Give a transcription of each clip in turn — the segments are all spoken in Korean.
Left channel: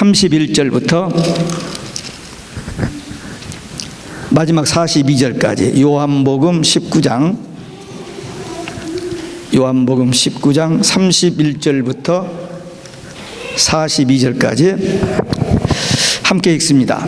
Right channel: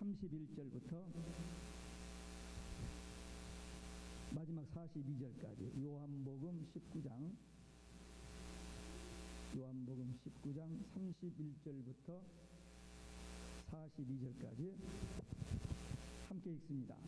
31절부터 마지막 42절까지 요한복음 19장 31절부터 42절까지 함께 읽습니다.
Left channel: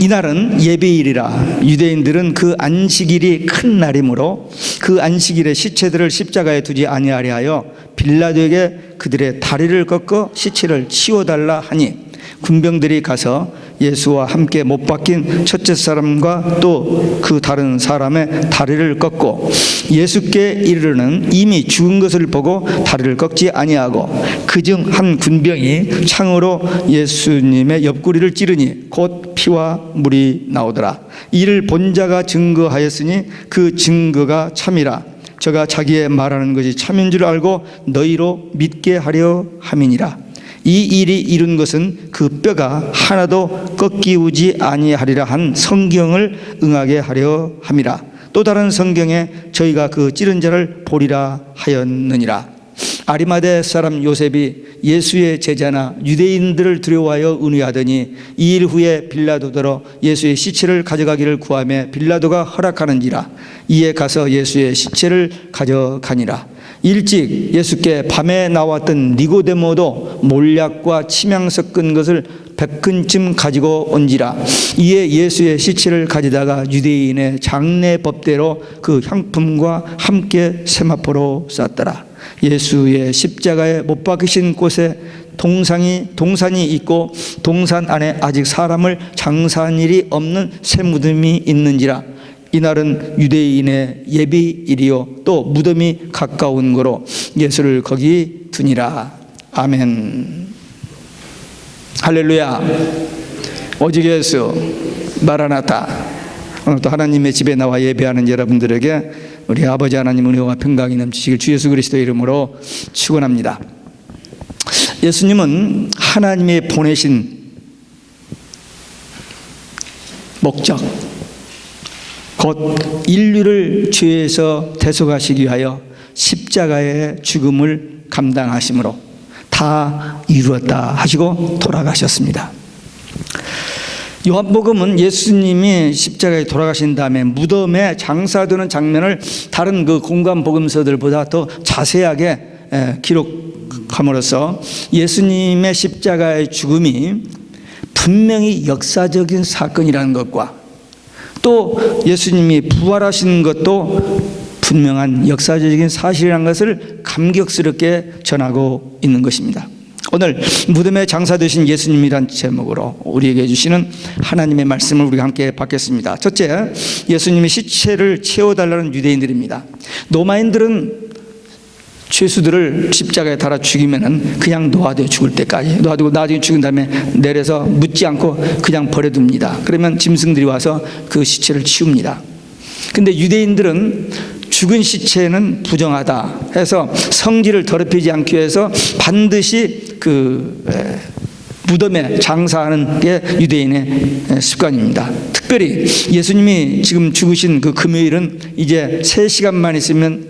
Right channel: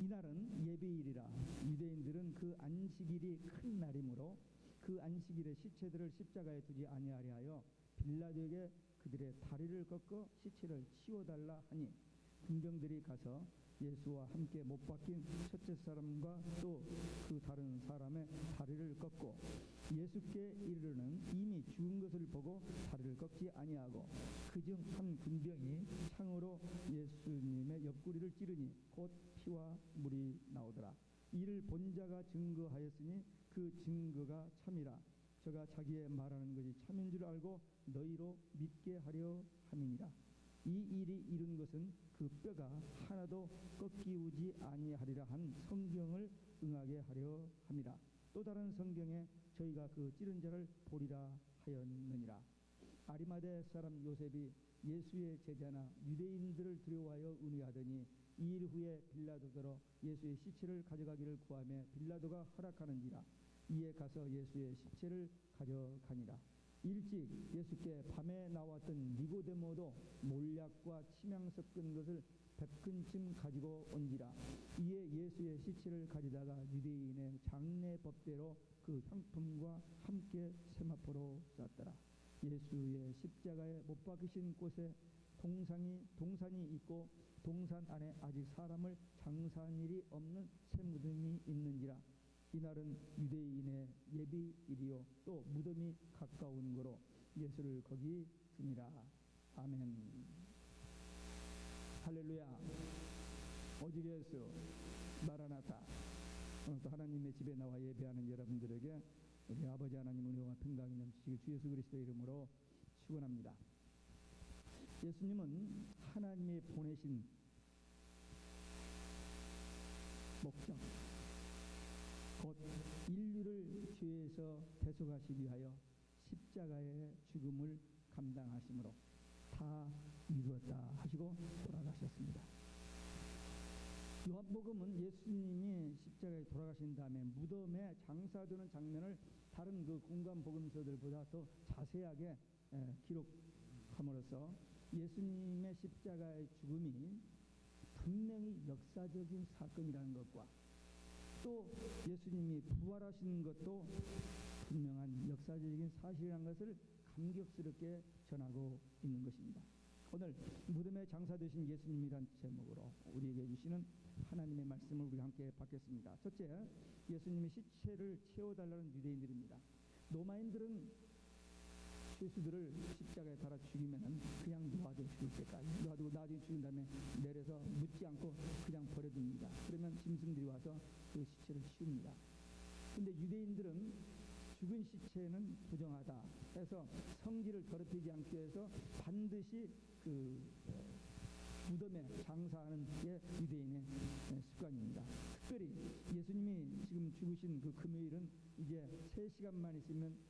이날은 예배일이라 유대인들은 그 안식일이 큰 날이므로 그 안식일에 시체들을 십자가에 두지 아니하려 하여 빌라도에게 그들의 다리를 꺾어 시체를 치워달라 하니 군병들이 가서 예수와 함께 못 박힌 첫째 사람과 또 그 다른 사람의 다리를 꺾고 예수께 이르르는 이미 죽은 것을 보고 다리를 꺾지 아니하고 그중 한 군병이 창으로 예수님의 옆구리를 찌르니 곧 피와 물이 나오더라. 이를 본 자가 증거하였으니 그 증거가 참이라. 저가 자기의 말하는 것이 참인 줄 알고 너희로 믿게 하려 함이니라. 이 일이 이룬 것은 그 뼈가 하나도 꺾이우지 아니하리라 한 성경을 응하게 하려 함이라. 또 다른 성경에 저희가 그 찌른 자를 보리라 하였느니라. 아리마대 사람 요셉이 예수의 제자나 유대인들을 두려워하여 은유하더니 이 일 후에 빌라도더러 예수의 시체를 가져가기를 구하며 빌라도가 허락하는지라. 이에 가서 예수의 시체를 가져가니라. 일찍 예수께 밤에 나왔던 니고데모도 몰약과 침향 섞은 것을 100근쯤 가지고 온지라. 이에 예수의 시체를 가져다가 유대인의 장례 법대로 그 향품과 함께 세마포로 쌌더라. 예수의 십자가에 못 박히신 곳에 동산이 있고 동산 안에 아직 사람을 장사한 일이 없는 새 무덤이 있는지라. 이날은 유대인의 예비일이요 또 무덤이 가까운 거로 예수를 거기 두니라. 아멘. 할렐루야. 오직 예수 마라나타. 오늘 또 하나님의 집에 나와 예배하는 여러분들에게 우리 아버지 하나님 은혜와 평강이 넘치시길 주 예수 그리스도의 이름으로 축원합니다. 예수님은 하나님의 보내신 목적, 곧 인류를 죄에서 대속하시기 위하여 십자가의 죽음을 감당하심으로 다 이루었다 하시고 돌아가셨습니다. 요한복음은 예수님이 십자가에 돌아가신 다음에 무덤에 장사되는 장면을 다른 그 공간 복음서들보다 더 자세하게 기록함으로써 예수님의 십자가의 죽음이 분명히 역사적인 사건이라는 것과 또 예수님이 부활하신 것도 분명한 역사적인 사실이라는 것을 감격스럽게 전하고 있는 것입니다. 오늘 무덤에 장사되신 예수님이란 제목으로 우리에게 주시는 하나님의 말씀을 우리가 함께 받겠습니다. 첫째, 예수님의 시체를 채워달라는 유대인들입니다. 로마인들은 죄수들을 십자가에 달아 죽이면 그냥 놓아둬 죽을 때까지 놓아두고 나중에 죽은 다음에 내려서 묻지 않고 그냥 버려둡니다. 그러면 짐승들이 와서 그 시체를 치웁니다. 근데 유대인들은 죽은 시체는 부정하다 해서 성질을 더럽히지 않기 위해서 반드시 그 무덤에 장사하는 게 유대인의 습관입니다. 특별히 예수님이 지금 죽으신 그 금요일은 이제 3시간만 있으면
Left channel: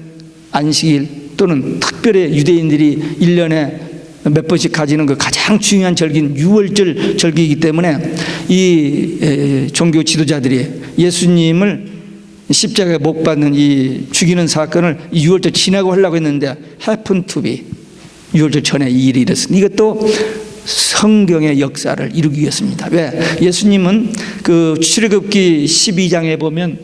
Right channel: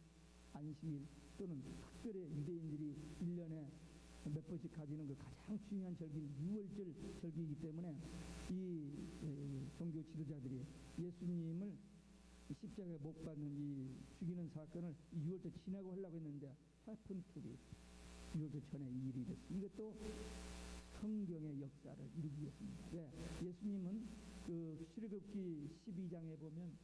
안식일 또는 특별히 유대인들이 1년에 몇 번씩 가지는 그 가장 중요한 절기인 유월절 절기이기 때문에 이 종교 지도자들이 예수님을 십자가에 못 박는 이 죽이는 사건을 6월절 지나고 하려고 했는데 happen to be 6월절 전에 이 일이 일어났습니다. 이것도 성경의 역사를 이루기 위해서입니다. 왜? 예수님은 그 출애굽기 12장에 보면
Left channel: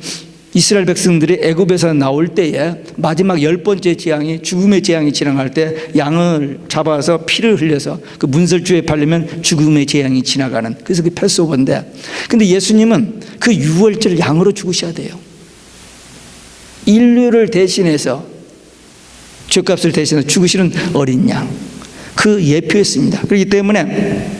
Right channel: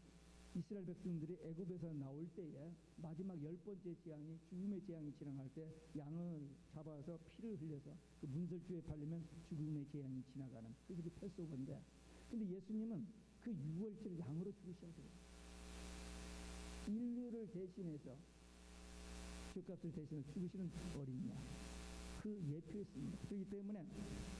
이스라엘 백성들이 애굽에서 나올 때에 마지막 10번째 재앙이 죽음의 재앙이 지나갈 때 양을 잡아서 피를 흘려서 그 문설주에 바르면 죽음의 재앙이 지나가는, 그래서 그 패스오버인데, 근데 예수님은 그 6월절 양으로 죽으셔야 돼요. 인류를 대신해서 죄값을 대신해서 죽으시는 어린 양, 그 예표였습니다. 그렇기 때문에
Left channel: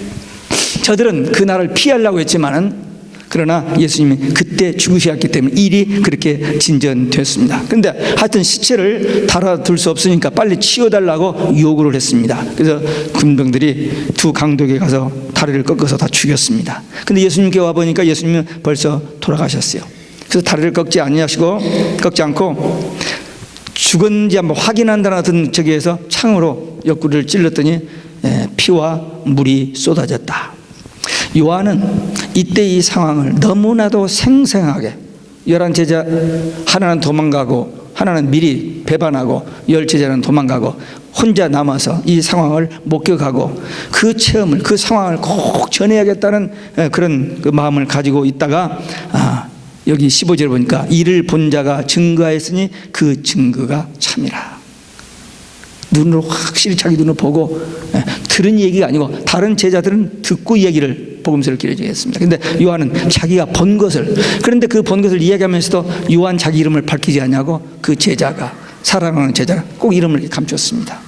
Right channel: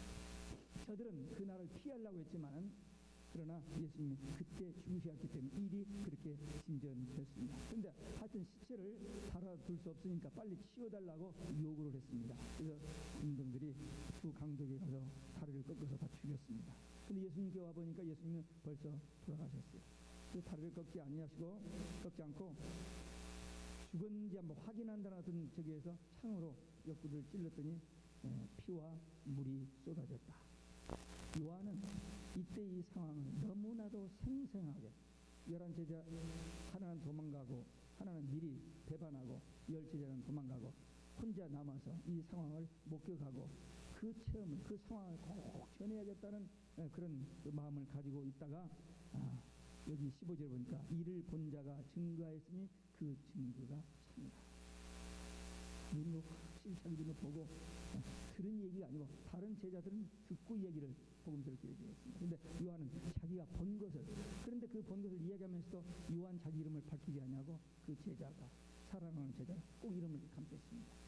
저들은 그 날을 피하려고 했지만은 그러나 예수님이 그때 죽으셨기 때문에 일이 그렇게 진전됐습니다. 그런데 하여튼 시체를 달아둘 수 없으니까 빨리 치워달라고 요구를 했습니다. 그래서 군병들이 두 강도에게 가서 다리를 꺾어서 다 죽였습니다. 근데 예수님께 와보니까 예수님은 벌써 돌아가셨어요. 그래서 다리를 꺾지 않고 죽었는지 한번 확인한다는 어떤 저기에서 창으로 옆구리를 찔렀더니 피와 물이 쏟아졌다. 요한은 이때 이 상황을 너무나도 생생하게 11제자 하나는 도망가고 하나는 미리 배반하고 10제자는 도망가고 혼자 남아서 이 상황을 목격하고 그 체험을, 그 상황을 꼭 전해야겠다는 그런 그 마음을 가지고 있다가 여기 15절에 보니까 이를 본 자가 증거하였으니 그 증거가 참이라. 눈으로 확실히 자기 눈으로 보고 들은 얘기가 아니고 다른 제자들은 듣고 얘기를 복음서를 기록했습니다. 그런데 요한은 자기가 본 것을, 그런데 그 본 것을 이야기하면서도 요한 자기 이름을 밝히지 않냐고 그 제자가, 사랑하는 제자가 꼭 이름을 감췄습니다.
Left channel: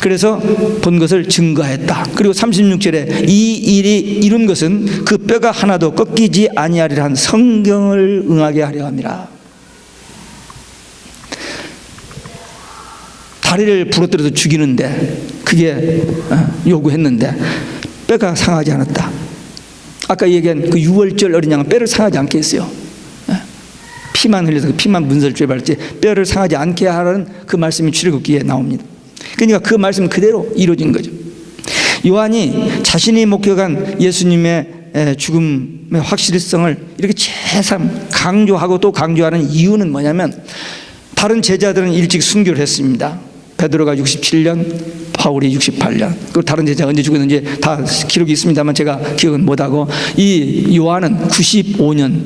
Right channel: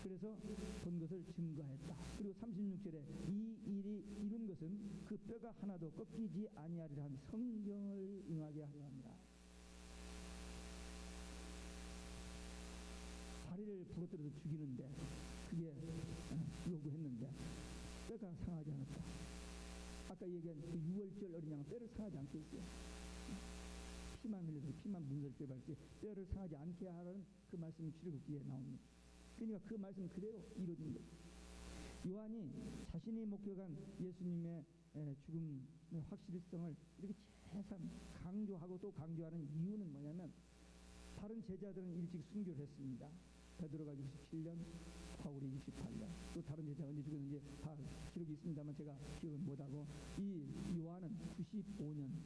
그래서 본 것을 증거했다. 그리고 36절에 이 일이 이룬 것은 그 뼈가 하나도 꺾이지 아니하리라 한 성경을 응하게 하려 함이라. 다리를 부러뜨려서 죽이는데 그게 요구했는데 뼈가 상하지 않았다. 아까 얘기한 그 유월절 어린 양은 뼈를 상하지 않게 했어요. 피만 흘려서 그 피만 문서를 죄발지 뼈를 상하지 않게 하라는 그 말씀이 출애굽기에 나옵니다. 그러니까 그 말씀 그대로 이루어진 거죠. 요한이 자신이 목격한 예수님의 죽음의 확실성을 이렇게 재삼 강조하고 또 강조하는 이유는 뭐냐면, 다른 제자들은 일찍 순교를 했습니다. 베드로가 67년, 바울이 68년, 그리고 다른 제자가 언제 죽었는지 다 기록이 있습니다만 제가 기억은 못하고, 이 요한은 95년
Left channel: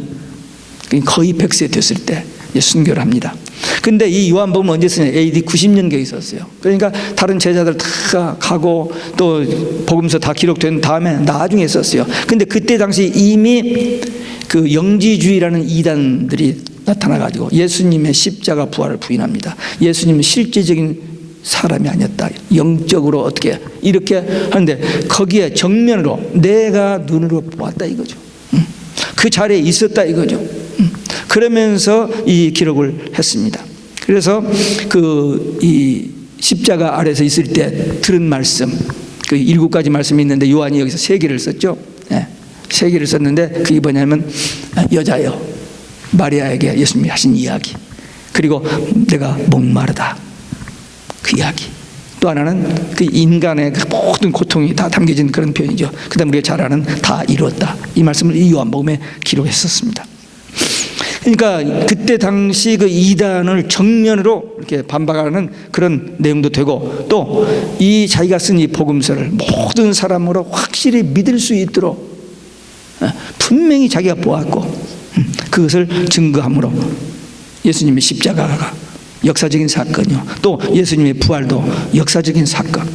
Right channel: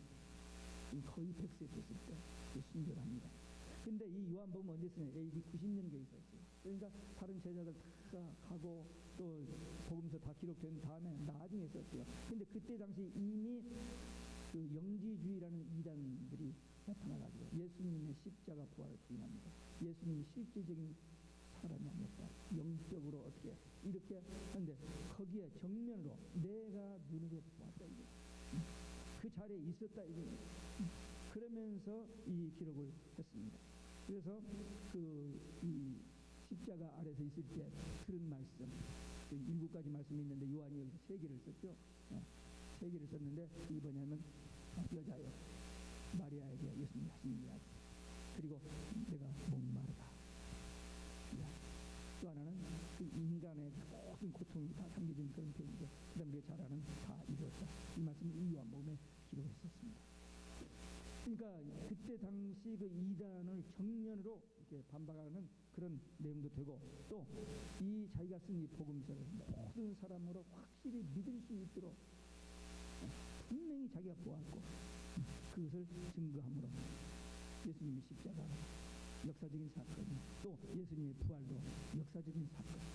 거의 100세 됐을 때 순교를 합니다. 근데 이 요한복음 언제 쓰냐? AD 90년경에 있었어요. 그러니까 다른 제자들 다 가고 또 복음서 다 기록된 다음에 나중에 썼어요. 근데 그때 당시 이미 그 영지주의라는 이단들이 나타나가지고 예수님의 십자가 부활을 부인합니다. 예수님은 실제적인 사람이 아니었다, 영적으로 어떻게 이렇게 하는데 거기에 정면으로 내가 눈으로 보았다 이거죠. 그 자리에 있었다 이거죠. 그러면서 이 기록을 했습니다. 그래서 이 십자가 아래서 있을 때 들은 말씀, 그 7가지 말씀이 있는데 요한이 여기서 3개를 썼죠. 3개를 썼는데 그게 뭐냐면 여자여, 마리아에게 예수님이 하신 이야기, 그리고 내가 목마르다 그 이야기, 또 하나는 그 인간의 그 모든 고통이 다 담겨진 그런 표현이죠. 그 다음에 우리가 잘 아는 다 이루었다, 이 말씀을 이 요한복음에 기록했었습니다. 그러니까 그때 당시 그 이단을 정면으로 이렇게 반박하는 그런 내용도 되고, 또 이 자기가 쓴 이 복음서를 모든 사람으로 확실히 믿을 수 있도록 분명히 자기가 보았고 그것을 증거함으로 예수님의 십자가가 역사적인 사건이요, 또 예수님의 부활도 역사적인 사건,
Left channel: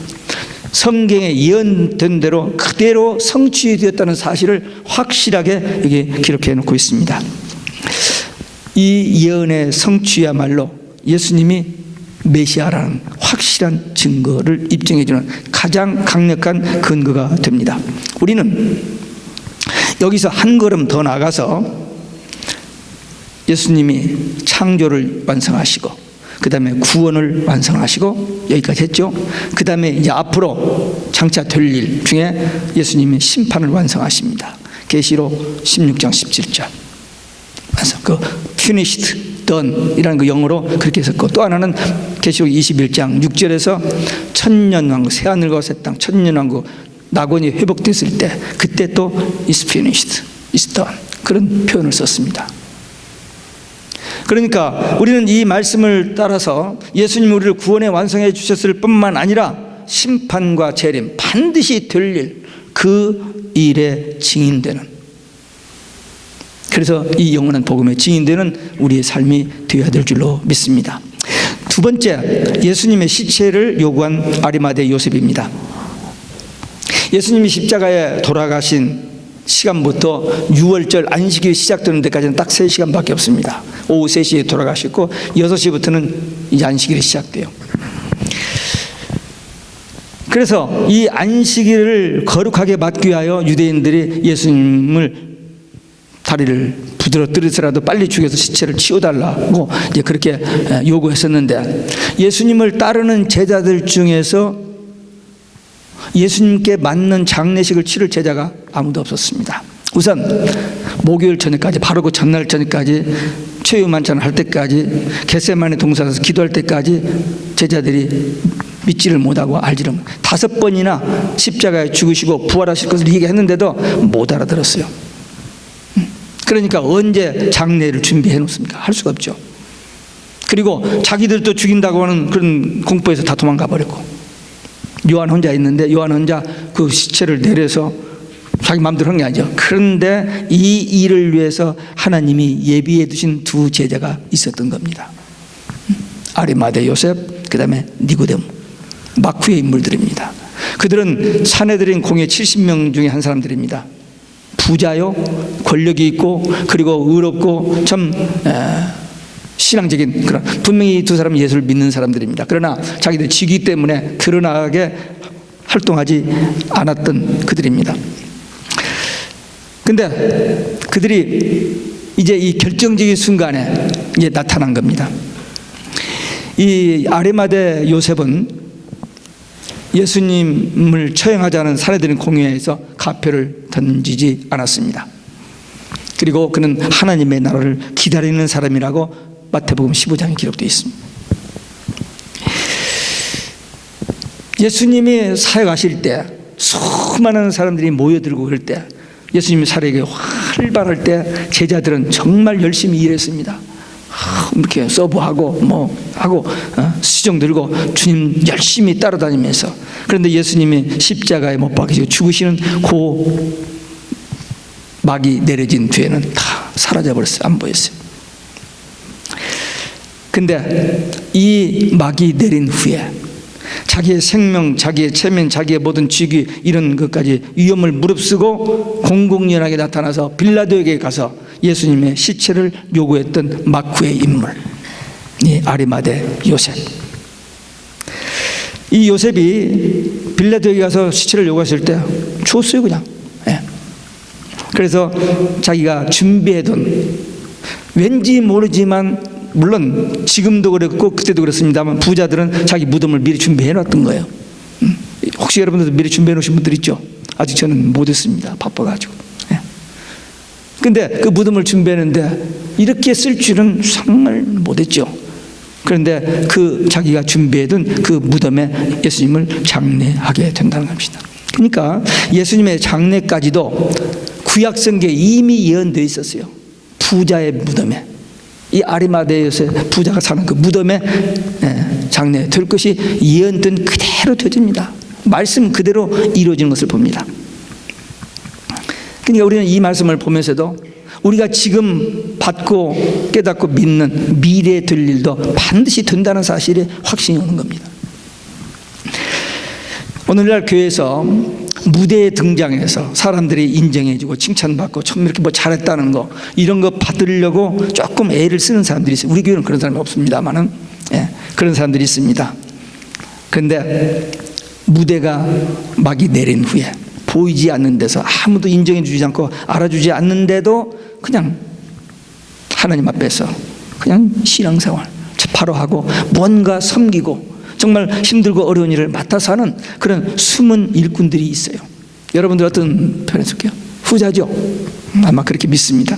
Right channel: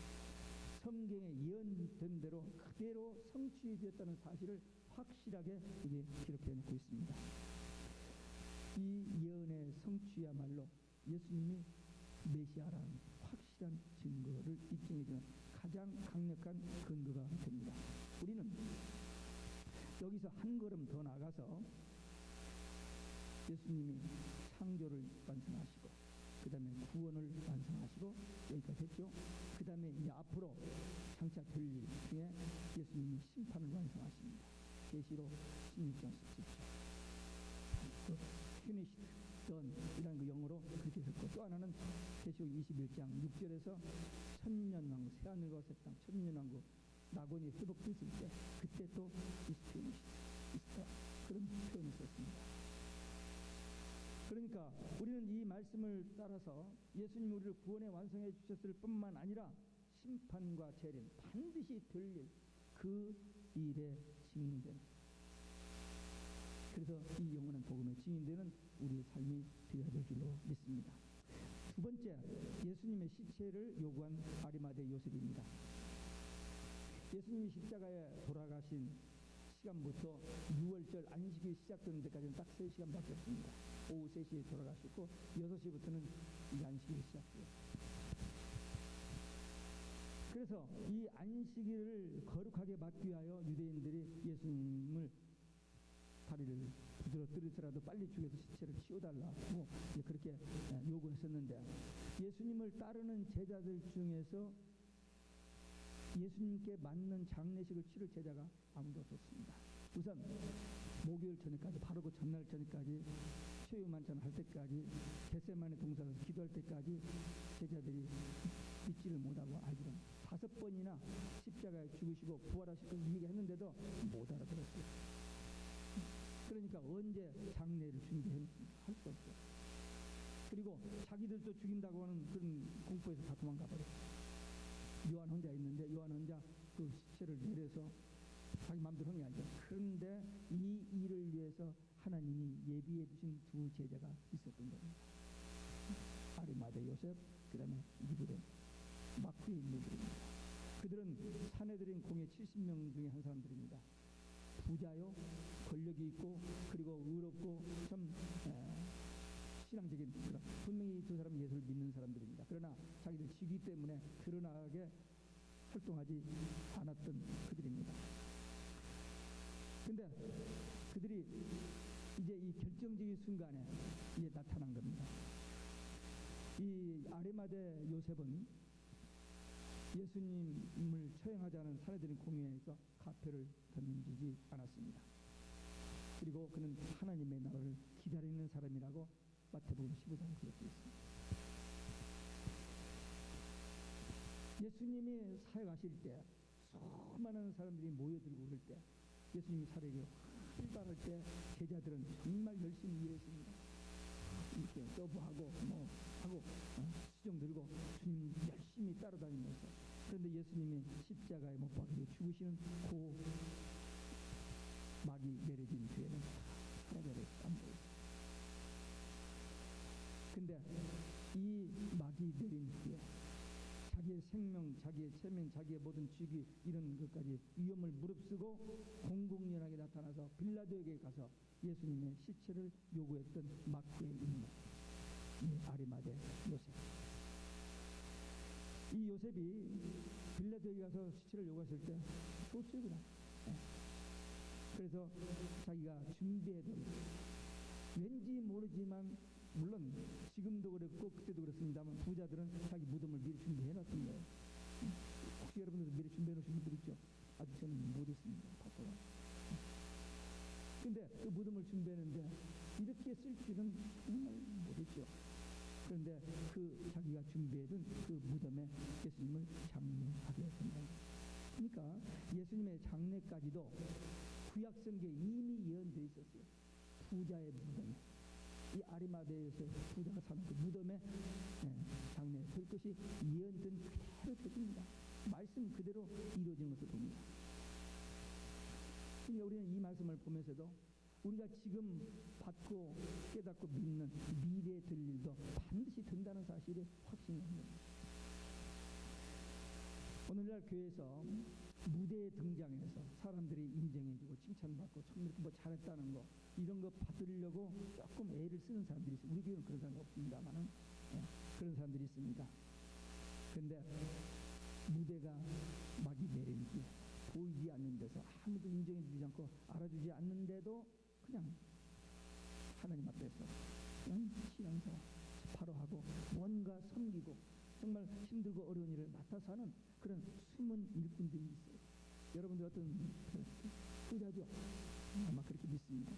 성경에 예언된 대로 그대로 성취되었다는 사실을 확실하게 여기 기록해 놓고 있습니다. 이 예언의 성취야말로 예수님이 메시아라는 확실한 증거를 입증해 주는 가장 강력한 근거가 됩니다. 우리는 여기서 한 걸음 더 나가서 예수님이 창조를 완성하시고 그 다음에 구원을 완성하시고 여기까지 했죠. 그 다음에 이제 앞으로 장차 될 일 중에 예수님이 심판을 완성하십니다. 계시록 16장 17절. 그래서 그 finished, done 이라는 그 영어로 그렇게 했었고, 또 하나는 계시록 21장 6절에서 천년왕국, 새하늘과 새 땅, 천년왕국 낙원이 회복됐을 때 그때 또 is finished, is done 그런 표현을 썼습니다. 그러니까 우리는 이 말씀을 따라서 예수님이 우리를 구원에 완성해 주셨을 뿐만 아니라 심판과 재림, 반드시 될 일, 그 일에 증인되는, 그래서 이 영원한 복음에 증인되는 우리의 삶이 되어야 될 줄로 믿습니다. 두 번째, 예수님의 시체를 요구한 아리마대 요셉입니다. 예수님이 십자가에 돌아가신 시간부터 유월절 안식일이 시작되는 데까지는 딱 3시간밖에 없습니다. 오후 3시에 돌아가셨고 6시부터는 이제 안식일이 시작돼요. 그래서 이 안식일을 거룩하게 맞기 위하여 유대인들이 예수님을 다리를 부드러뜨려서라도 빨리 죽여서 시체를 치워달라고 이제 그렇게 요구했었는데, 예수님을 따르는 제자들 중에서 예수님께 맞는 장례식을 치를 제자가 아무도 없었습니다. 우선 목요일 저녁까지, 바로 그 전날 저녁까지 최후 만찬을 할 때까지, 겟세마네 동산에서 기도할 때까지 제자들이 믿지를 못하고 알지를 못. 5번이나 십자가에 죽으시고 부활하실 것을 얘기했는데도 못 알아들었어요. 그러니까 언제 장례를 준비해 놓습니까? 할 수가 없죠. 그리고 자기들도 죽인다고 하는 그런 공포에서 다 도망가 버렸고, 요한 혼자 있는데 요한 혼자 그 시체를 내려서 자기 마음대로 한 게 아니죠. 그런데 이 일을 위해서 하나님이 예비해 두신 2 제자가 있었던 겁니다. 아리마대 요셉, 그 다음에 니고데모, 마쿠의 인물들입니다. 그들은 사내들인 공회 70명 중에 한 사람들입니다. 부자요, 권력이 있고, 그리고 의롭고 참 신앙적인 그런, 분명히 2 사람은 예수를 믿는 사람들입니다. 그러나 자기들 직위 때문에 드러나게 활동하지 않았던 그들입니다. 근데 그들이 이제 이 결정적인 순간에 이제 나타난 겁니다. 이 아리마대 요셉은 예수님을 처형하자는 사내들인 공회에서 가표를 던지지 않았습니다. 그리고 그는 하나님의 나라를 기다리는 사람이라고 마태복음 15장에 기록되어 있습니다. 예수님이 사역하실 때 수많은 사람들이 모여들고 그럴 때, 예수님이 사역이 활발할 때 제자들은 정말 열심히 일했습니다. 이렇게 서브하고 뭐 하고 수정 들고 주님 열심히 따라다니면서. 그런데 예수님이 십자가에 못 박히시고 죽으시는 그 막이 내려진 뒤에는 다 사라져버렸어요. 안 보였어요. 근데 이 막이 내린 후에 자기의 생명, 자기의 체면, 자기의 모든 직위, 이런 것까지 위험을 무릅쓰고 공공연하게 나타나서 빌라도에게 가서 예수님의 시체를 요구했던 마쿠의 인물, 이 아리마대 요셉. 이 요셉이 빌라도에게 가서 시체를 요구했을 때 줬어요, 그냥. 그래서 자기가 준비해둔, 왠지 모르지만, 물론 지금도 그랬고 그때도 그렇습니다만, 부자들은 자기 무덤을 미리 준비해 놨던 거예요. 혹시 여러분들도 미리 준비해 놓으신 분들 있죠? 아직 저는 못했습니다. 바빠가지고. 근데 그 무덤을 준비했는데 이렇게 쓸 줄은 정말 못했죠. 그런데 그 자기가 준비해둔 그 무덤에 예수님을 장례하게 된다는 겁니다. 그러니까 예수님의 장례까지도 구약성경에 이미 예언되어 있었어요. 부자의 무덤에, 이 아리마대 요셉 부자가 사는 그 무덤에 장례될 것이 예언된 그대로 되집니다. 말씀 그대로 이루어지는 것을 봅니다. 그러니까 우리는 이 말씀을 보면서도 우리가 지금 받고 깨닫고 믿는 미래에 될 일도 반드시 된다는 사실에 확신이 오는 겁니다. 오늘날 교회에서 무대에 등장해서 사람들이 인정해주고 칭찬받고 참 이렇게 뭐 잘했다는 거, 이런 거 받으려고 조금 애를 쓰는 사람들이 있어요. 우리 교회는 그런 사람이 없습니다만은, 그런 사람들이 있습니다. 그런데 무대가 막이 내린 후에 보이지 않는 데서 아무도 인정해 주지 않고 알아주지 않는데도 그냥 하나님 앞에서 그냥 신앙생활 바로 하고 뭔가 섬기고 정말 힘들고 어려운 일을 맡아서 하는 그런 숨은 일꾼들이 있어요. 여러분들 어떤 편에 속해요? 후자죠? 아마 그렇게 믿습니다.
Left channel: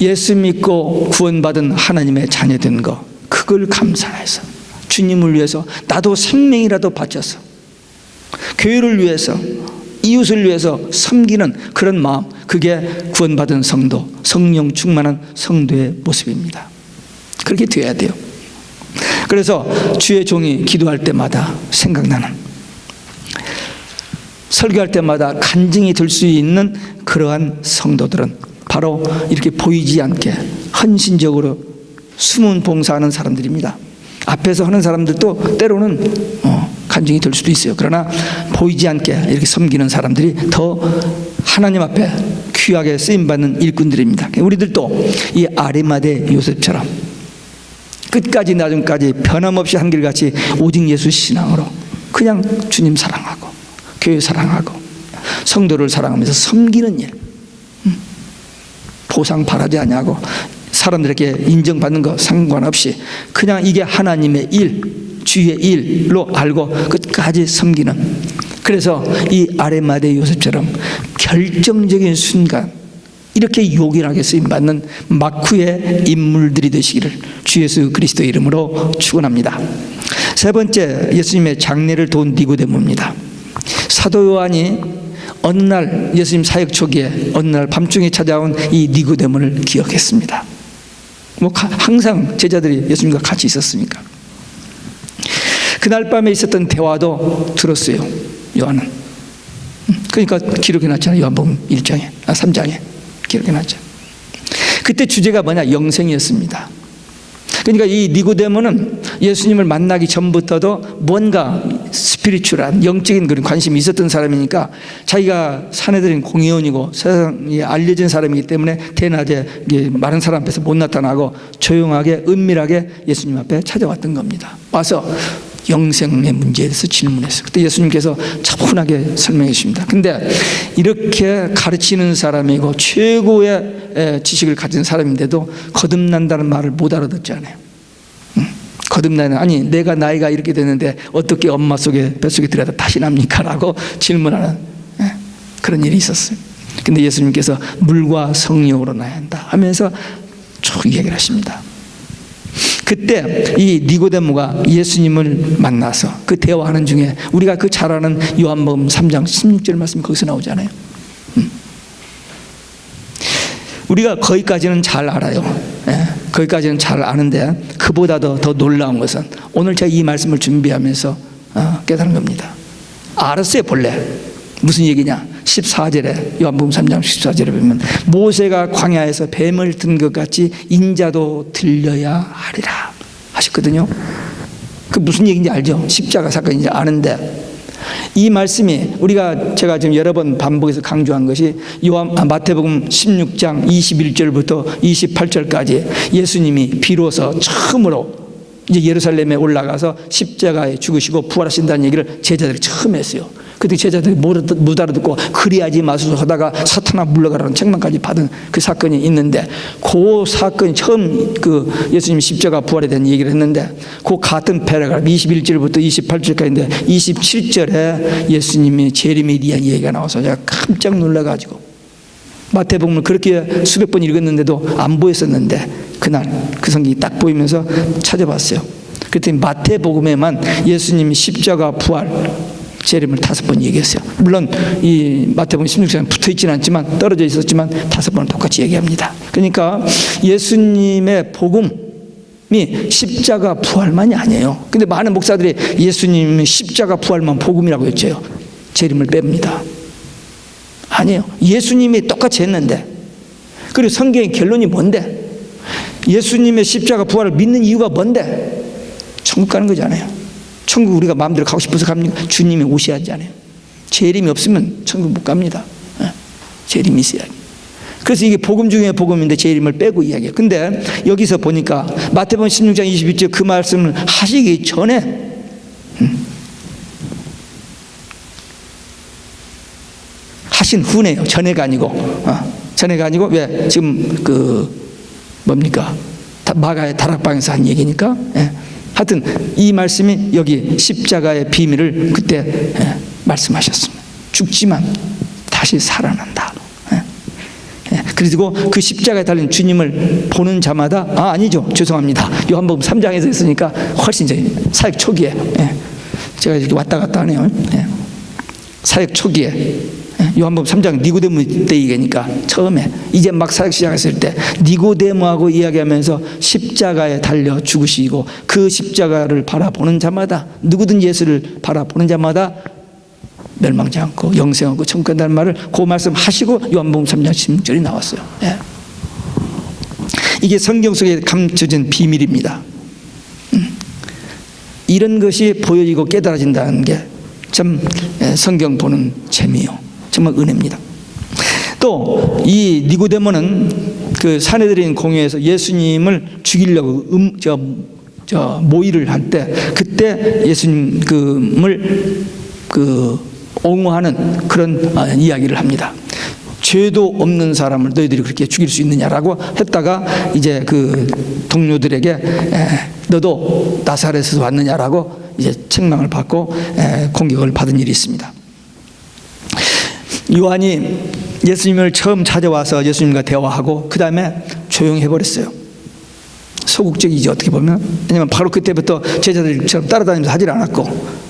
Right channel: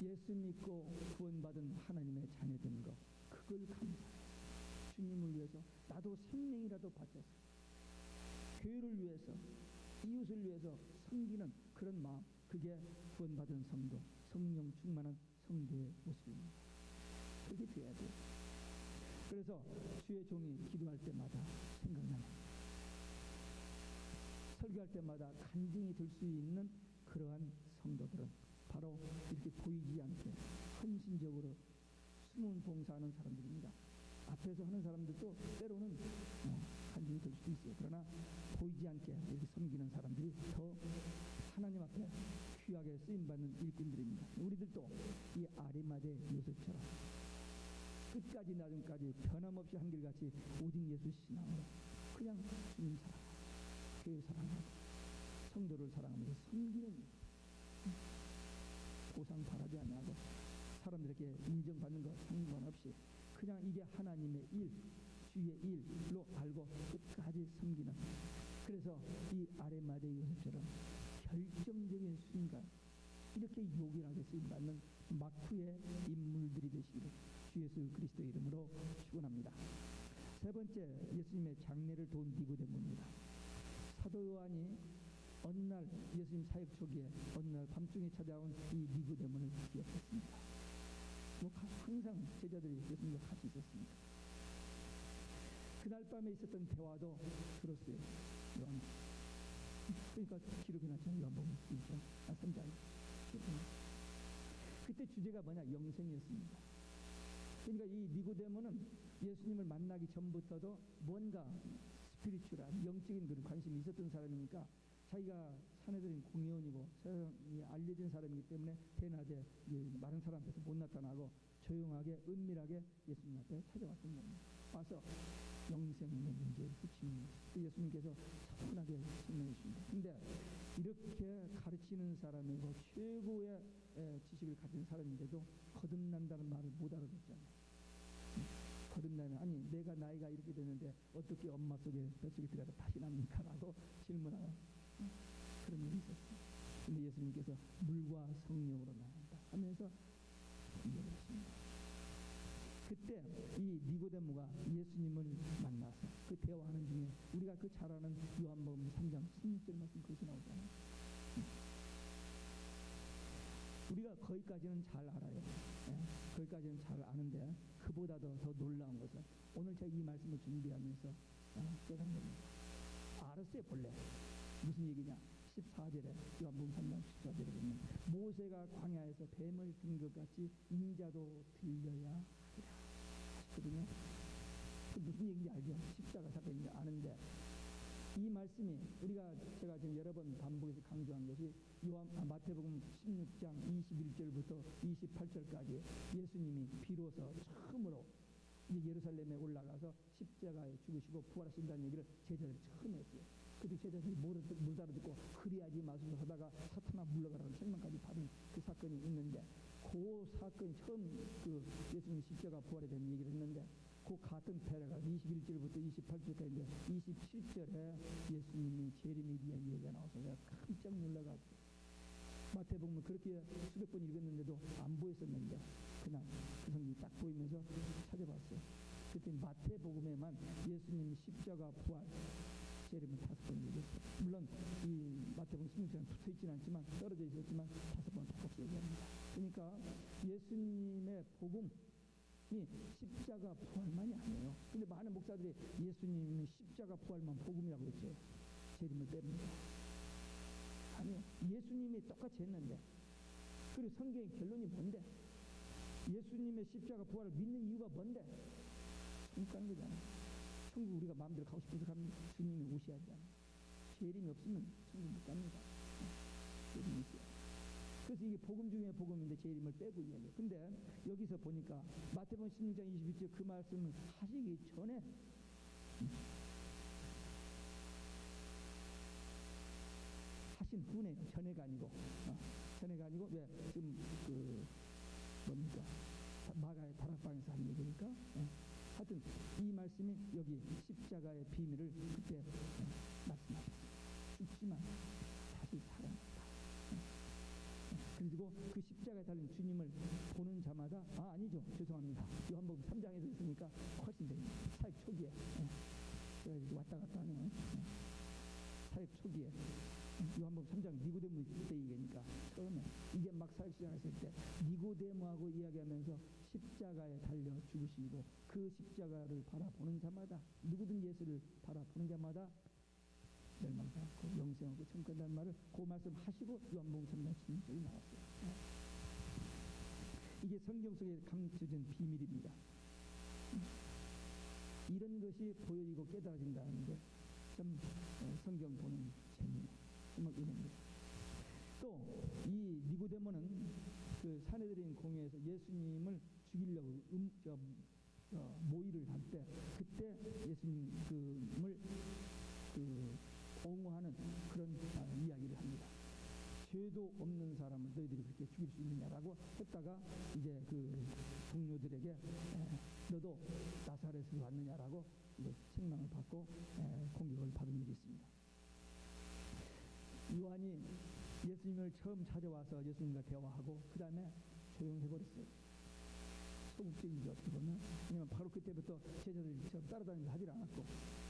예수 믿고 구원받은 하나님의 자녀된 거, 그걸 감사해서 주님을 위해서 나도 생명이라도 바쳐서 교회를 위해서 이웃을 위해서 섬기는 그런 마음, 그게 구원받은 성도, 성령 충만한 성도의 모습입니다. 그렇게 되어야 돼요. 그래서 주의 종이 기도할 때마다 생각나는, 설교할 때마다 간증이 될 수 있는 그러한 성도들은 바로 이렇게 보이지 않게 헌신적으로 숨은 봉사하는 사람들입니다. 앞에서 하는 사람들도 때로는 간증이 될 수도 있어요. 그러나 보이지 않게 이렇게 섬기는 사람들이 더 하나님 앞에 귀하게 쓰임받는 일꾼들입니다. 우리들도 이 아리마대 요셉처럼 끝까지 나중까지 변함없이 한결같이 오직 예수 신앙으로 그냥 주님 사랑하고 교회 사랑하고 성도를 사랑하면서 섬기는 일, 보상 바라지 않냐고 사람들에게 인정받는 거 상관없이 그냥 이게 하나님의 일, 주의 일로 알고 끝까지 섬기는, 그래서 이 아리마대 요셉처럼 결정적인 순간 이렇게 요긴하게 쓰임받는 마쿠의 인물들이 되시기를 주 예수 그리스도의 이름으로 축원합니다. 세 번째, 예수님의 장례를 도운 니고데모입니다. 사도 요한이 어느 날 예수님 사역 초기에 어느 날 밤중에 찾아온 이 니고데모를 기억했습니다. 항상 제자들이 예수님과 같이 있었으니까. 그날 밤에 있었던 대화도 들었어요, 요한은. 그러니까 기록해 놨잖아요. 요한복음 3장에 기록해 놨죠. 그때 주제가 뭐냐? 영생이었습니다. 그러니까 이 니고데모는 예수님을 만나기 전부터도 뭔가 스피리추얼한 영적인 그런 관심이 있었던 사람이니까, 자기가 사내들인 공의원이고 세상에 알려진 사람이기 때문에 대낮에 많은 사람 앞에서 못 나타나고 조용하게 은밀하게 예수님 앞에 찾아왔던 겁니다. 와서 영생의 문제에 대해서 질문했어요. 그때 예수님께서 차분하게 설명해 주십니다. 근데 이렇게 가르치는 사람이고 최고의 지식을 가진 사람인데도 거듭난다는 말을 못 알아듣잖아요. 거듭나는, 아니 내가 나이가 이렇게 됐는데 어떻게 엄마 속에 뱃속에 들어가다 다시 납니까? 라고 질문하는 그런 일이 있었어요. 근데 예수님께서 물과 성령으로 나야 한다 하면서 쭉 얘기를 하십니다. 그때 이 니고데모가 예수님을 만나서 그 대화하는 중에 우리가 그 잘 아는 요한복음 3장 16절 말씀이 거기서 나오잖아요. 우리가 거기까지는 잘 알아요. 거기까지는 잘 아는데 그보다도 더 놀라운 것은 오늘 제가 이 말씀을 준비하면서 깨달은 겁니다. 알았어요. 본래 무슨 얘기냐? 14절에 요한복음 3장 14절에 보면 모세가 광야에서 뱀을 든 것 같이 인자도 들려야 하리라 하셨거든요. 그 무슨 얘기인지 알죠? 십자가 사건인지 아는데, 이 말씀이 제가 지금 여러 번 반복해서 강조한 것이 마태복음 16장 21절부터 28절까지 예수님이 비로소 처음으로 이제 예루살렘에 올라가서 십자가에 죽으시고 부활하신다는 얘기를 제자들이 처음 했어요. 그때 제자들이 못 알아듣고 그리하지 마소서 하다가 사탄아 물러가라는 책망까지 받은 그 사건이 있는데, 그 사건이 처음 그 예수님 십자가 부활에 대한 얘기를 했는데, 그 같은 패러그래프 21절부터 28절까지인데 27절에 예수님이 재림에 대한 얘기가 나와서 제가 깜짝 놀라가지고 마태복음을 그렇게 수백 번 읽었는데도 안 보였었는데 그날 그 성경이 딱 보이면서 찾아봤어요. 그랬더니 마태복음에만 예수님이 십자가 부활 재림을 5번 얘기했어요. 물론 이 마태복음 16장에 붙어있지는 않지만 떨어져 있었지만 5번은 똑같이 얘기합니다. 그러니까 예수님의 복음이 십자가 부활만이 아니에요. 근데 많은 목사들이 예수님이 십자가 부활만 복음이라고 했죠. 재림을 뺍니다. 아니에요. 예수님이 똑같이 했는데, 그리고 성경의 결론이 뭔데? 예수님의 십자가 부활을 믿는 이유가 뭔데? 천국 가는 거잖아요. 천국 우리가 마음대로 가고 싶어서 갑니까? 주님이 오셔야 하잖아요. 재림이 없으면 천국 못 갑니다. 재림이 있어야. 그래서 이게 복음 중에 복음인데 재림을 빼고 이야기해요. 근데 여기서 보니까 마태복음 16장 21절 그 말씀을 하시기 전에 하신 후네요. 전에가 아니고. 전에가 아니고, 왜? 지금 뭡니까? 마가의 다락방에서 한 얘기니까. 하여튼 이 말씀이 여기 십자가의 비밀을 그때 말씀하셨습니다. 죽지만 다시 살아난다. 그리고 그 십자가에 달린 주님을 보는 자마다, 아니죠, 죄송합니다, 요한복음 3장에서 했으니까 훨씬 이제 사역 초기에, 제가 이렇게 왔다 갔다 하네요. 사역 초기에 요한복음 3장 니고데모 때 얘기니까 처음에 이제 막 사역 시작했을 때 니고데모하고 이야기하면서 십자가에 달려 죽으시고 그 십자가를 바라보는 자마다, 누구든 예수를 바라보는 자마다 멸망치 않고 영생하고 천국 간다는 말을 그 말씀 하시고 요한복음 3장 16절이 나왔어요. 이게 성경 속에 감춰진 비밀입니다. 이런 것이 보여지고 깨달아진다는 게 참 성경 보는 재미요, 정말 은혜입니다. 또 이 니고데모는 그 사내들인 공회에서 예수님을 죽이려고 모의를 할 때, 그때 예수님을 옹호하는 그런 이야기를 합니다. 죄도 없는 사람을 너희들이 그렇게 죽일 수 있느냐라고 했다가 이제 그 동료들에게 너도 나사렛에서 왔느냐라고 이제 책망을 받고 공격을 받은 일이 있습니다. 요한이 예수님을 처음 찾아와서 예수님과 대화하고 그 다음에 조용히 해버렸어요. 소극적이지 어떻게 보면. 왜냐하면 바로 그때부터 제자들처럼 따라다니면서 하질 않았고,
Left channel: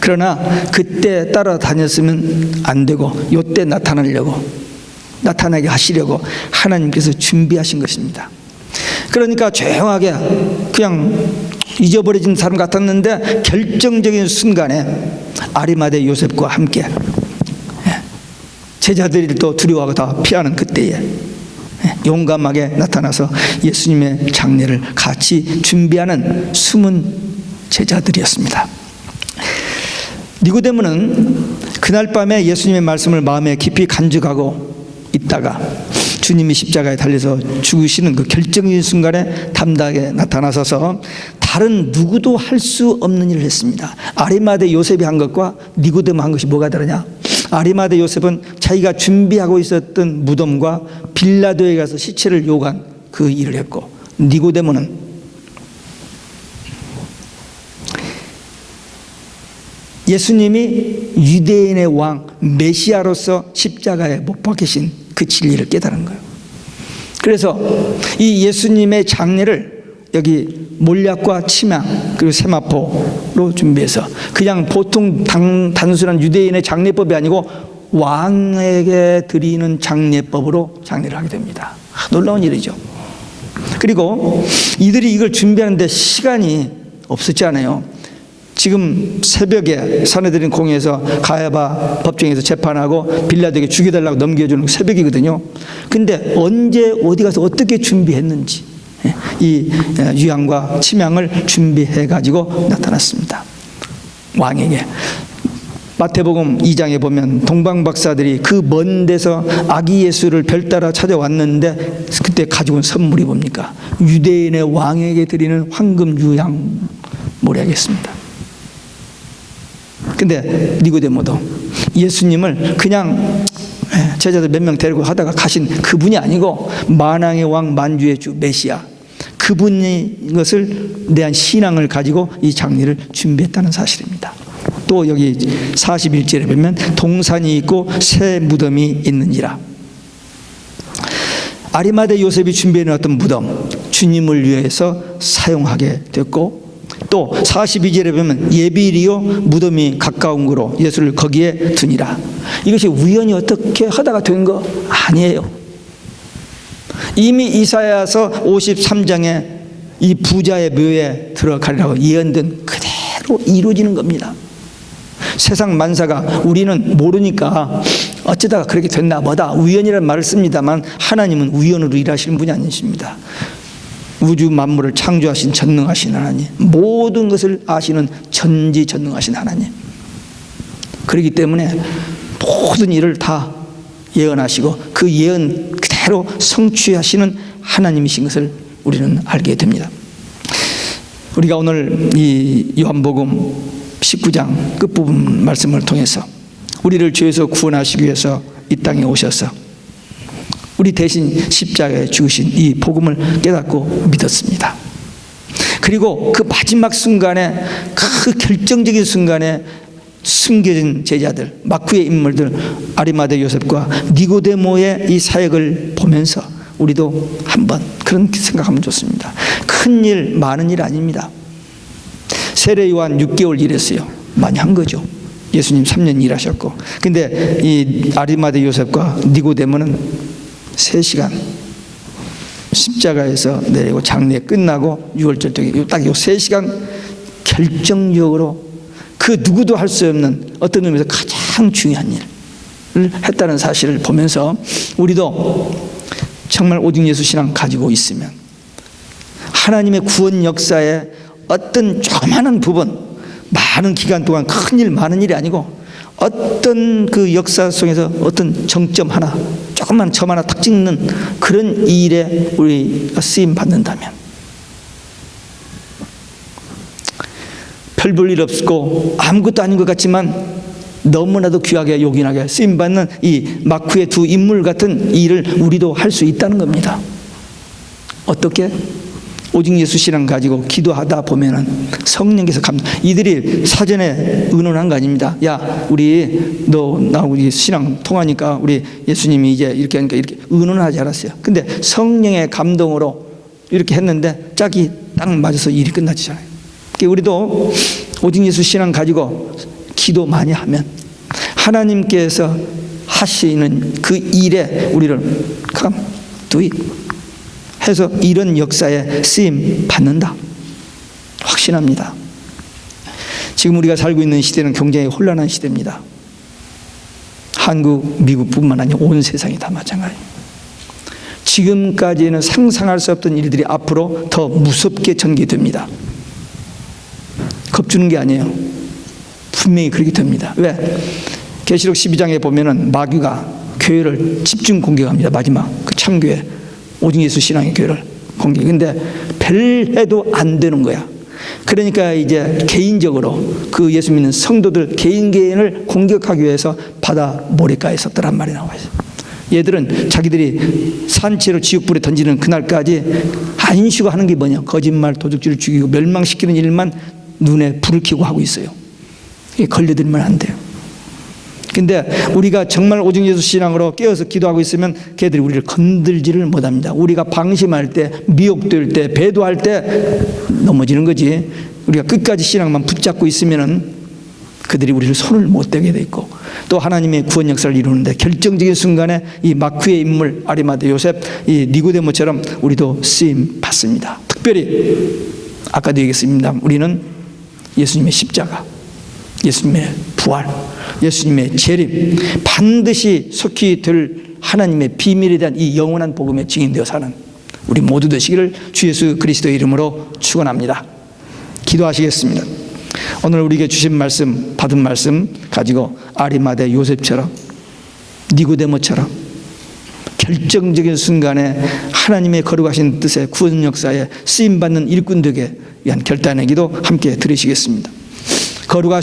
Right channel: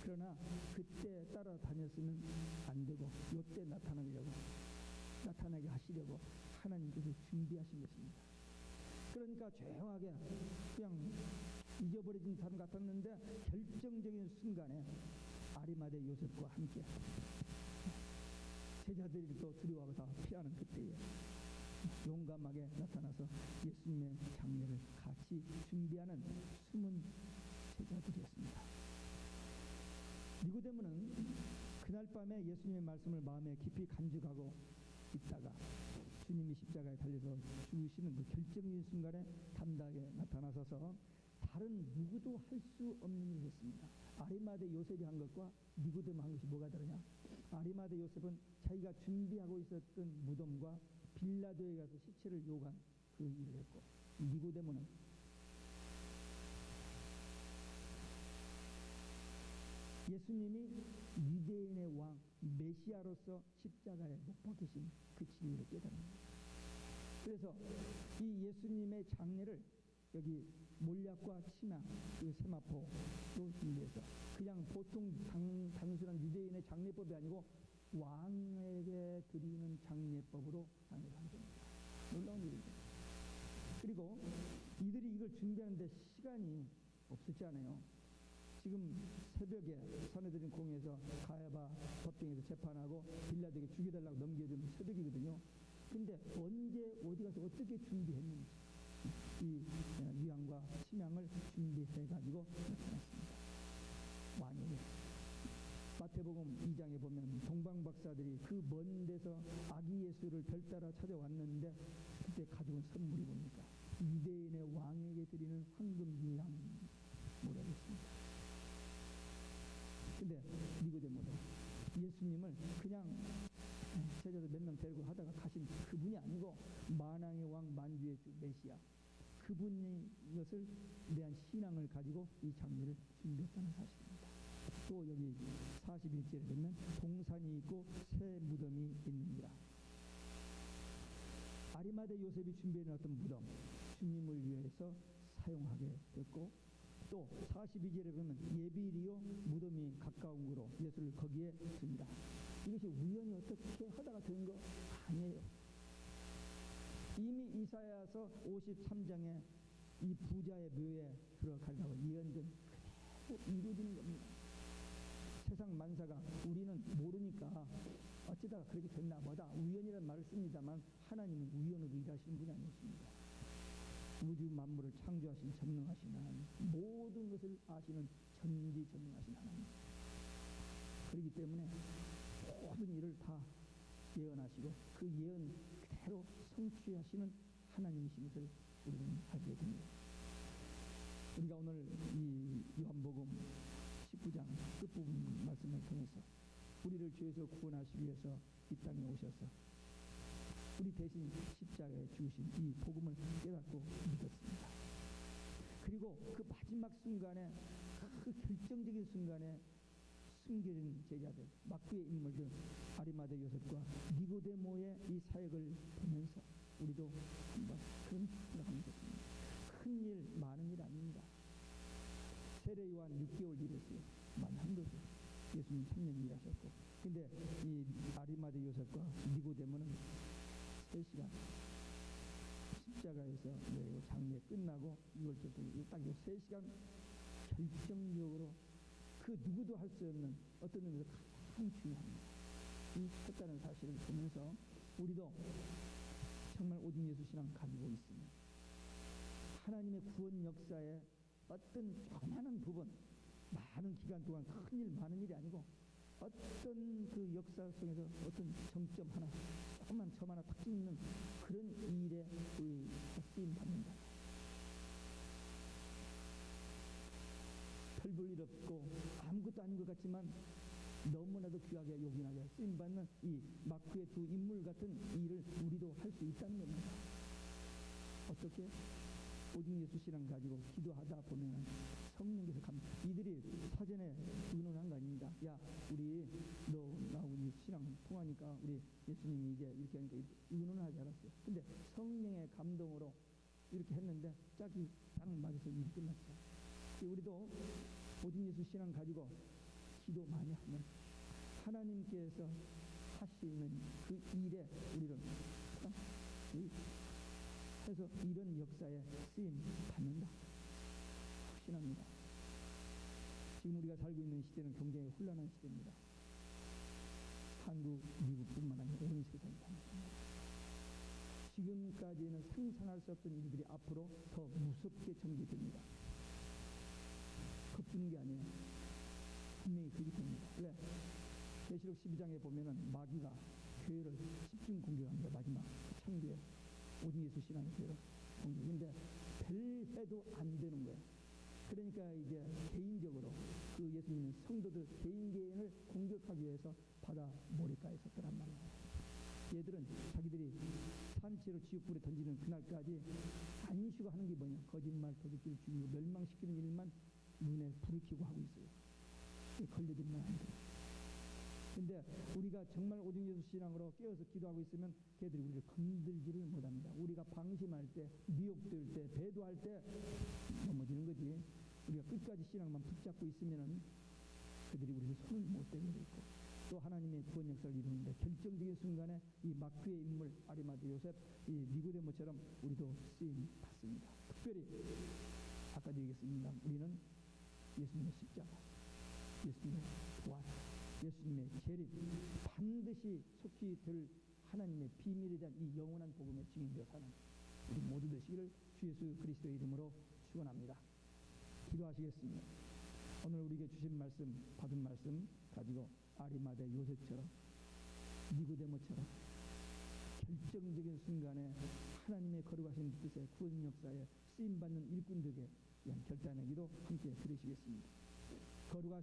그러나 그때 따라다녔으면 안 되고 이때 나타나게 하시려고 하나님께서 준비하신 것입니다. 그러니까 조용하게 그냥 잊어버려진 사람 같았는데 결정적인 순간에 아리마대 요셉과 함께 제자들이 또 두려워하고 다 피하는 그때에 용감하게 나타나서 예수님의 장례를 같이 준비하는 숨은 제자들이었습니다. 니고데모는 그날 밤에 예수님의 말씀을 마음에 깊이 간직하고 있다가 주님이 십자가에 달려서 죽으시는 그 결정적인 순간에 담대하게 나타나서서 다른 누구도 할 수 없는 일을 했습니다. 아리마대 요셉이 한 것과 니고데모 한 것이 뭐가 다르냐? 아리마대 요셉은 자기가 준비하고 있었던 무덤과 빌라도에 가서 시체를 요구한 그 일을 했고, 니고데모는 예수님이 유대인의 왕 메시아로서 십자가에 못 박히신 그 진리를 깨달은 거예요. 그래서 이 예수님의 장례를 여기 몰약과 침향 그리고 세마포로 준비해서 그냥 보통 단순한 유대인의 장례법이 아니고 왕에게 드리는 장례법으로 장례를 하게 됩니다. 놀라운 일이죠. 그리고 이들이 이걸 준비하는데 시간이 없었잖아요. 지금 새벽에 사내들인 공회에서 가야바 법정에서 재판하고 빌라도에게 죽여달라고 넘겨주는 새벽이거든요. 근데 언제 어디 가서 어떻게 준비했는지 이 유향과 침향을 준비해 가지고 나타났습니다. 왕에게. 마태복음 2장에 보면 동방박사들이 그 먼 데서 아기 예수를 별따라 찾아왔는데 그때 가지고 온 선물이 뭡니까? 유대인의 왕에게 드리는 황금 유향 모략이었습니다. 근데 니고데모도 예수님을 그냥 제자들 몇 명 데리고 하다가 가신 그분이 아니고 만왕의 왕 만주의 주 메시아, 그분이 것을 대한 신앙을 가지고 이 장례를 준비했다는 사실입니다. 또 여기 41절에 보면 동산이 있고 새 무덤이 있느니라. 아리마대 요셉이 준비해놓았던 무덤, 주님을 위해서 사용하게 됐고, 또 42절에 보면 예비리요 무덤이 가까운 거로 예수를 거기에 두니라. 이것이 우연히 어떻게 하다가 된 거 아니에요. 이미 이사야서 53장에 이 부자의 묘에 들어가리라고 예언된 그대로 이루어지는 겁니다. 세상 만사가 우리는 모르니까 어쩌다가 그렇게 됐나 보다 우연이라는 말을 씁니다만, 하나님은 우연으로 일하시는 분이 아니십니다. 우주 만물을 창조하신 전능하신 하나님, 모든 것을 아시는 전지전능하신 하나님, 그렇기 때문에 모든 일을 다 예언하시고 그 예언 그대로 성취하시는 하나님이신 것을 우리는 알게 됩니다. 우리가 오늘 이 요한복음 19장 끝부분 말씀을 통해서 우리를 죄에서 구원하시기 위해서 이 땅에 오셔서 우리 대신 십자가에 죽으신 이 복음을 깨닫고 믿었습니다. 그리고 그 마지막 순간에, 그 결정적인 순간에 숨겨진 제자들, 마쿠의 인물들 아리마대 요셉과 니고데모의 이 사역을 보면서 우리도 한번 그런 생각하면 좋습니다. 큰일 많은 일 아닙니다. 세례 요한 6개월 일했어요. 많이 한 거죠. 예수님 3년 일하셨고, 근데 이 아리마대 요셉과 니고데모는 3시간 십자가에서 내리고 장례 끝나고 6월절 때 딱 이 3시간 결정적으로 그 누구도 할 수 없는 어떤 의미에서 가장 중요한 일을 했다는 사실을 보면서 우리도 정말 오직 예수 신앙 가지고 있으면 하나님의 구원 역사에 어떤 조그마한 부분, 많은 기간 동안 큰일 많은 일이 아니고 어떤 그 역사 속에서 어떤 정점 하나, 조금만 점 하나 탁 찍는 그런 일에 우리가 쓰임 받는다면 별 볼 일 없고 아무것도 아닌 것 같지만 너무나도 귀하게 요긴하게 쓰임 받는 이 마쿠의 두 인물 같은 일을 우리도 할 수 있다는 겁니다. 어떻게? 오직 예수 신앙 가지고 기도하다 보면은 성령께서 이들이 사전에 의논한 거 아닙니다. 야, 우리 너 나하고 신앙 통하니까 우리 예수님이 이제 이렇게 하니까 이렇게 의논하지 않았어요. 근데 성령의 감동으로 이렇게 했는데 짝이 딱 맞아서 일이 끝나지잖아요. 그러니까 우리도 오직 예수 신앙 가지고 기도 많이 하면 하나님께서 하시는 그 일에 우리를 come do it 해서 이런 역사에 쓰임 받는다. 확신합니다. 지금 우리가 살고 있는 시대는 굉장히 혼란한 시대입니다. 한국, 미국뿐만 아니라 온 세상이 다 마찬가지입니다. 지금까지는 상상할 수 없던 일들이 앞으로 더 무섭게 전개됩니다. 겁주는 게 아니에요. 분명히 그렇게 됩니다. 왜? 계시록 12장에 보면은 마귀가 교회를 집중 공격합니다. 마지막 그 참교회, 오직 예수 신앙의 교회를 공격. 근데 별해도 안 되는 거야. 그러니까 이제 개인적으로 그 예수 믿는 성도들 개인을 공격하기 위해서 바다 모래가에 섰더란 말이 나와 있어요. 얘들은 자기들이 산채로 지옥불에 던지는 그날까지 안 쉬고 하는 게 뭐냐? 거짓말, 도둑질을 죽이고 멸망시키는 일만 눈에 불을 켜고 하고 있어요. 이게 걸려들면 안 돼요. 근데 우리가 정말 오직 예수 신앙으로 깨어서 기도하고 있으면 걔들이 우리를 건들지를 못합니다. 우리가 방심할 때, 미혹될 때, 배도할 때 넘어지는 거지. 우리가 끝까지 신앙만 붙잡고 있으면은 그들이 우리를 손을 못 대게 돼 있고, 또 하나님의 구원 역사를 이루는데 결정적인 순간에 이 마크의 인물 아리마대 요셉, 이 니고데모처럼 우리도 쓰임 받습니다. 특별히 아까도 얘기했습니다. 우리는 예수님의 십자가, 예수님의 부활, 예수님의 재림, 반드시 속히 될 하나님의 비밀에 대한 이 영원한 복음에 증인되어 사는 우리 모두 되시기를 주 예수 그리스도의 이름으로 축원합니다. 기도하시겠습니다. 오늘 우리에게 주신 말씀, 받은 말씀 가지고 아리마대 요셉처럼, 니고데모처럼 결정적인 순간에 하나님의 거룩하신 뜻의 구원 역사에 쓰임받는 일꾼 되게 위한 결단의 기도 함께 들으시겠습니다. 거룩하시고